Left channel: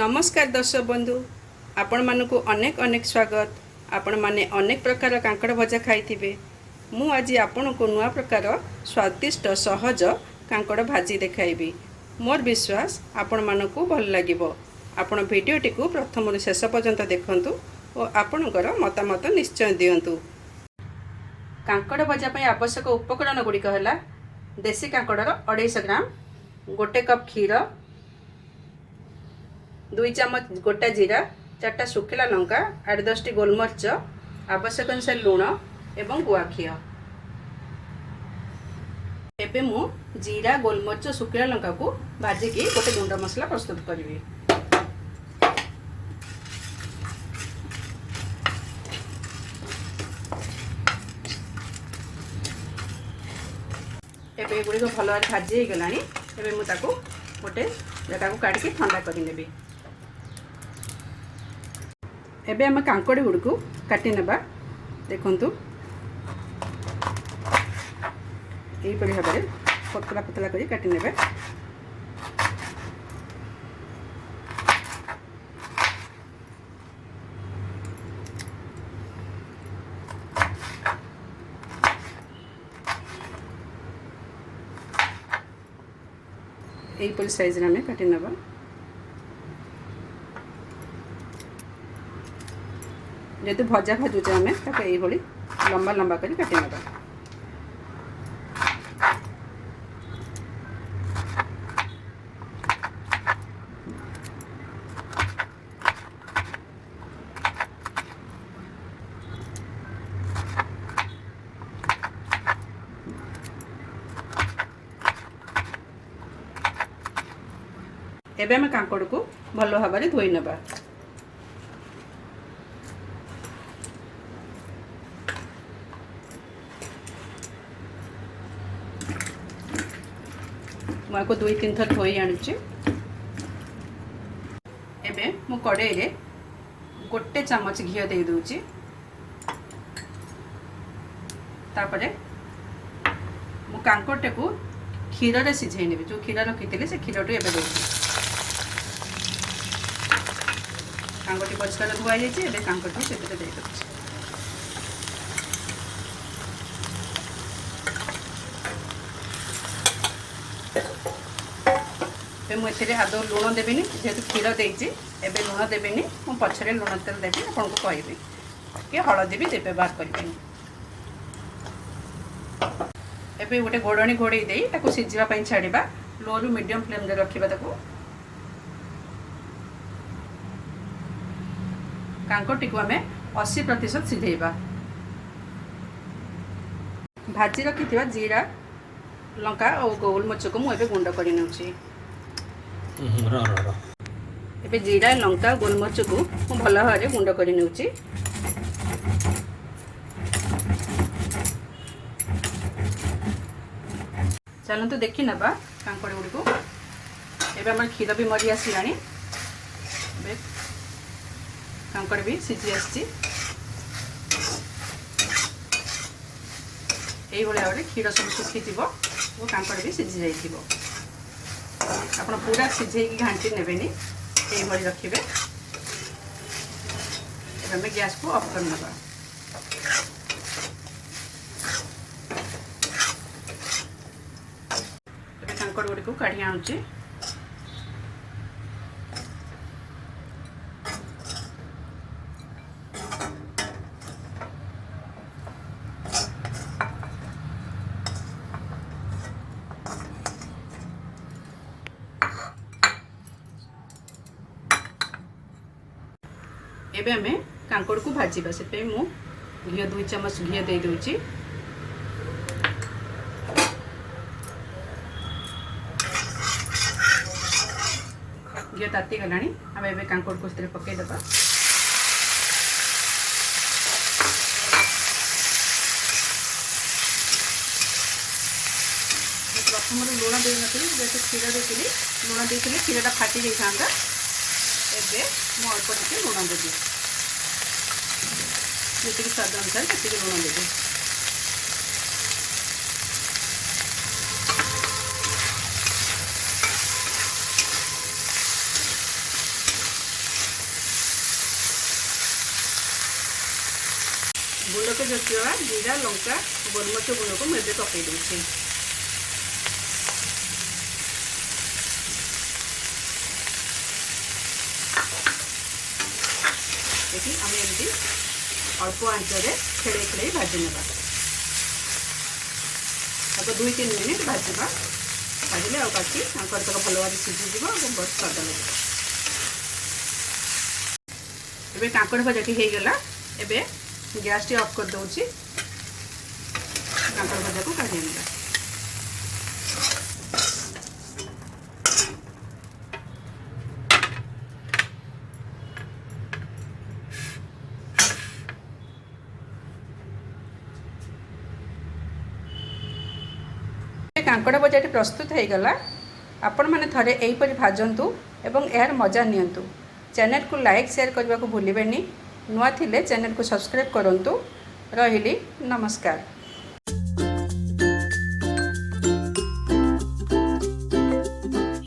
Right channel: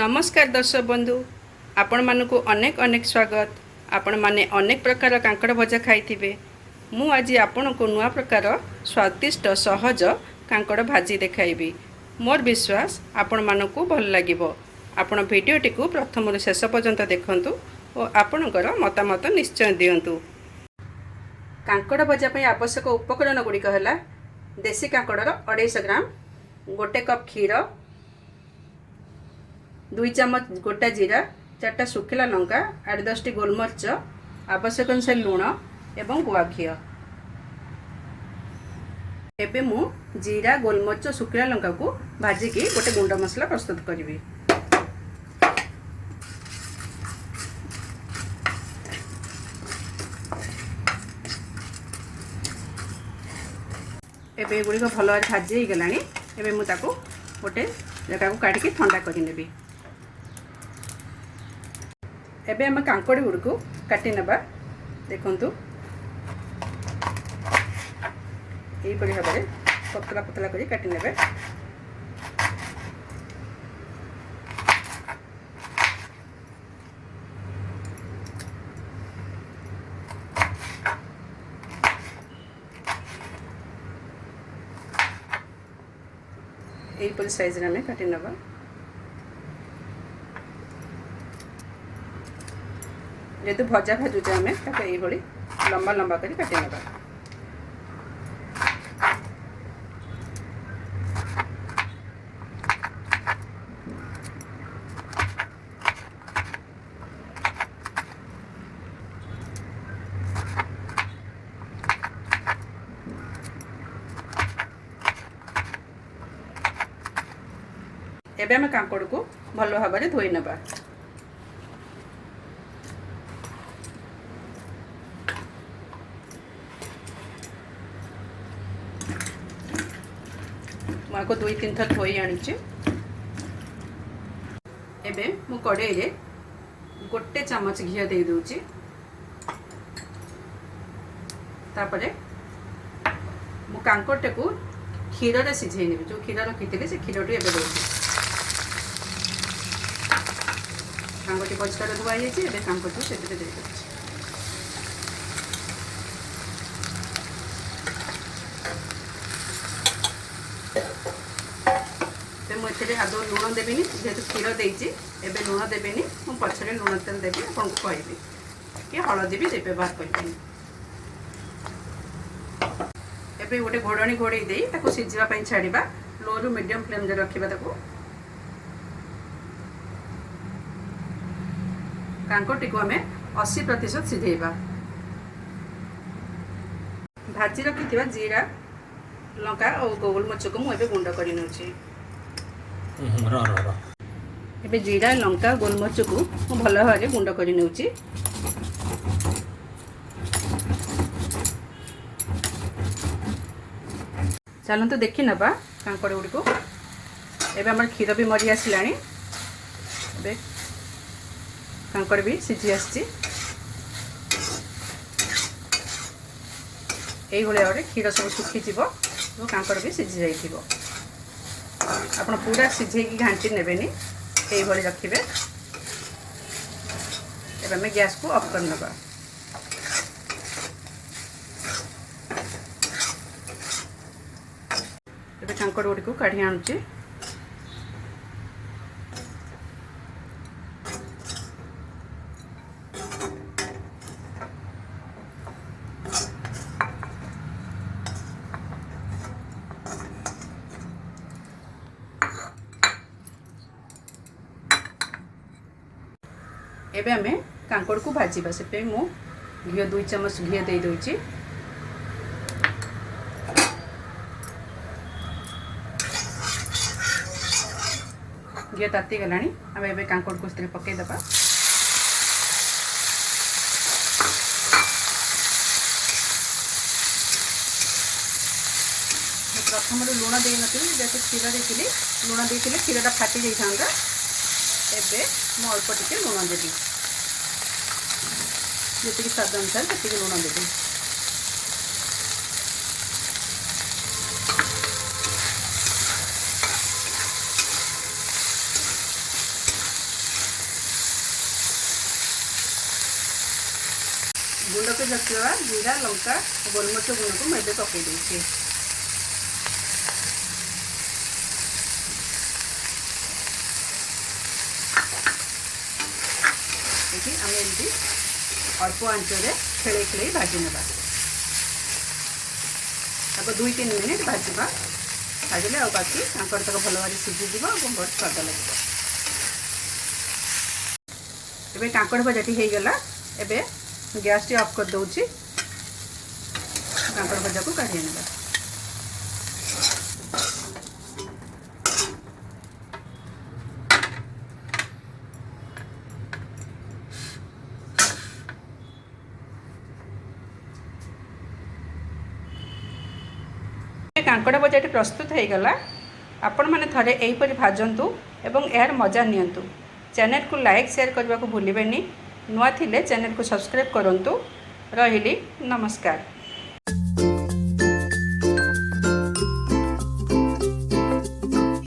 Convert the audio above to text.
नमस्कार दर्शक बंधु आपण मानक अनेक अनेक स्वागत। आपण माने अनेक प्रकार कांकड़ भजा खाई मु आज आपण को नुआ प्रकार स्वादिष्ट सहज कांकड़ भाजी देखाइबी। मोर विश्वास आपण मानक भल लागिबो। आपण भिडियोटी को प्रथम शेष पर्यंत देखंतु और आपणकर मतामत निश्चय दियंतु। कांकड़ भजा पई आवश्यक उपकरण गुड़िक है देसी कांकड़र 250 ग्राम, 1 कप क्षीर, 2 चम्मच गोटा जीरा, 4टा सुखिला लंका, 8-10 टी गोलमरीच, आवश्यक अनुसार लुण एवं गुआखिया। एबे मु जीरा गोलमरीच सुखिला लंका को भाजिकी गोटे गुंडा मसला प्रस्तुत करी। एबे गुड़ी भल भाजी हो गलानी। एबे मु ताको गोटे जगह को काटिकी ठंडा करी नेबी। एबे हम कांकड़ गुड़ को काटी नबा। देखंतु यही बड़ी भाव में पतला पतला करी काटी नेबे। यही साइज रे हमें काटी नबा। जेतु भजा भाजुचे आम ये लंबा लंबा कर काटी ना। एबे हम कांकड़ को भल भाव में धोई नबा। मुझे 2-3 थर धोई आणुची। एबे मु कड़ाई रे 1 चम्मच घी दे दूची। तापरे मु कांकड़ को क्षीर रे सिझाई नेबी। जो क्षीर रखी से क्षीर टू एबे दूची। कांकड़ परिष्कार धुआ जाइए। एबे कांकड़ से दे दूची। मुझे आदौ लुण देविनी जेहेतु क्षीर देती। एबे लुण देविनी मु पछरे लुण तेल देवी आपको कहबी कि हलदी भी व्यवहार करें। एबे गोटे घोड़णी घोड़े दे ताको सिझापी छाड़ा। लो रु मीडियम फ्लेम रे रखिबा। ताको कांकोटी को हमें 80% सिझेबा। भाजी रखी जीरा लंका और गोलमरीच को मुझे गुंड कर नौची। एबे जीरा लंका गोलमरीच को मु भल भाव में गुंड कर नौची। चलते देखी नबा कांकड़ गुड़ी को। एबे हमर क्षीर भी मरी आसला। एबे कांकड़ भी सिझी आसी। यही भाव में क्षीर सब सुखी तो कांकड़ भी सिझी जाइए। आप पूरा सिझे घाटी ने यही रखिए। आम गैस को ऑफ कर नवा। कांकड़ गुड़ी को काढ़ी आणुची। एबे हमें कांकड़ को भाजवा। से मु घी 2 चम्मच घी दे दूची। घी ताती गलानी। आम एबे कांकड़ को स्थिर पकई दबा। प्रथम लुण दे नी जेहतु क्षीर देती लुण देती क्षीरटा फाटी जाता। एबे मु अल्प टिके लुण देवी। जी स्वाद अनुसार से लुण देवी। गुंड को रखा जीरा लंका गोलमरिच गुंड को मुझे पकई देती देखिए आम एमती अल्प आंचरे खेल खेल भाजी ना तो 2-3 मिनिट भाजवा भाजले आ बाकी कांकड़ तक भल भाव सीझीज और बहुत स्वाद लगे। एबे कांकड़ भजाटी हो गला एबे गैस टी ऑफ कर दूची कांकड़ भजा को काढ़ी नेबा। कांकड़ भजाटी प्रस्तुत हो गला। आपण माने थरे एहीपरि भाजंतु एवं यार मजा नियंतु। चैनल को लाइक शेयर करने को भूलिबेनी। नुआ थिले चैनल को सब्सक्राइब करंतु। रहिली नमस्कार।